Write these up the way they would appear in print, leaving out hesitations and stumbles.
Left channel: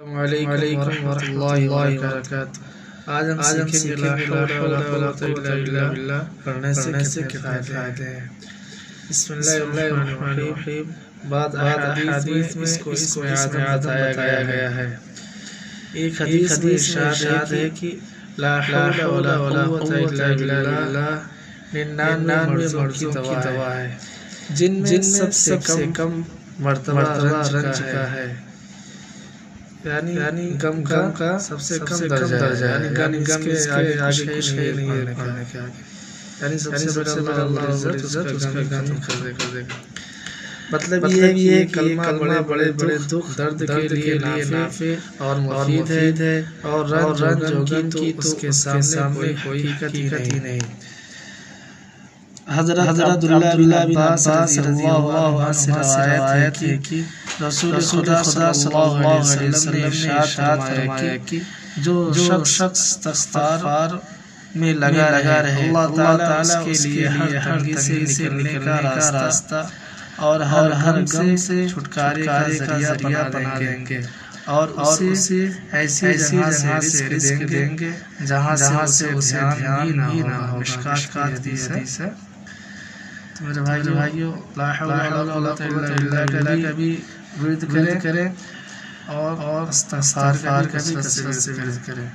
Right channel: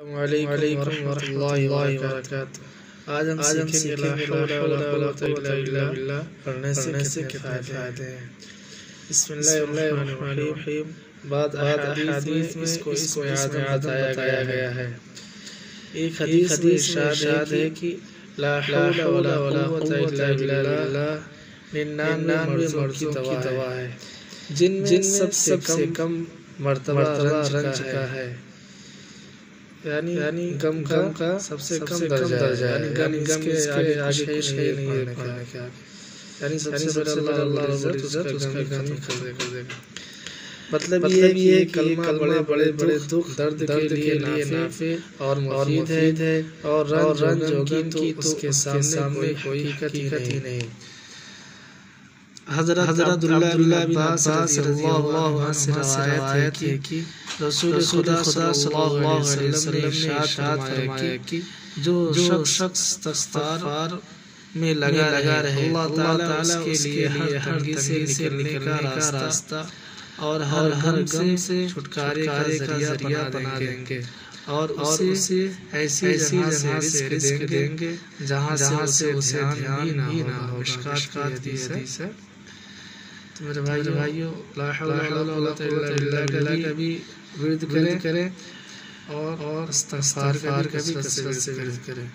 السلام علیکم ورحمۃ اللہ وبرکاتہ۔ آج ہم سیکھیں گے لا حول ولا قوت الا باللہ پڑھنے سے کتنے فائدے ہیں۔ بسم اللہ الرحمن الرحیم۔ بعض احادیث میں اس کو اعظم بتایا گیا ہے۔ ایک حدیث میں ارشاد ہے کہ لا حول ولا قوت الا باللہ 99 مرضوں کی دوا ہے، جن میں سب سے کم مرتبہ رنج کا ہے، یعنی غم کا سب سے کم درجہ ہے، یعنی غم کے آگے کچھ ہے نہیں پڑھنے کے آگے، یعنی سب سے بڑا اللہ رب العزت اس کا غم کر دے گا۔ مطلب یہ ہے کہ کلمہ بڑے دکھ درد کے لیے نافع اور مفید ہے، اور رنج ہوگی تو اس کے سامنے کوئی حقیقت ہی نہیں۔ حضرت عبداللہ بن عباس رضی اللہ عنہ سے روایت ہے کہ رسول خدا صلی اللہ علیہ وسلم نے ارشاد فرمایا کہ جو شخص استغفار میں لگا رہے، اللہ تعالیٰ اس کے لیے ہر تنگی سے نکلنے کا راستہ اور ہر غم سے چھٹکارے کا ذریعہ بنا دیں گے، اور اسے ایسی جگہ سے رزق دیں گے جہاں سے اسے دھیان بھی نہ ہو۔ مشکات کی حدیث ہے۔ تو میرے بھائیو، لا حول ولا قوت الا باللہ کا بھی ورد کریں اور استغفار کا بھی کثرت سے ورد کریں۔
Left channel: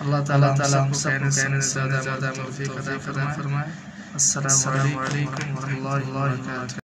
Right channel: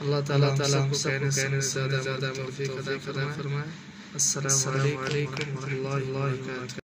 اللہ تعالیٰ ہم سب کو کہنے سے زیادہ توفیق عطا فرمائے۔ السلام علیکم ورحمۃ اللہ وبرکاتہ۔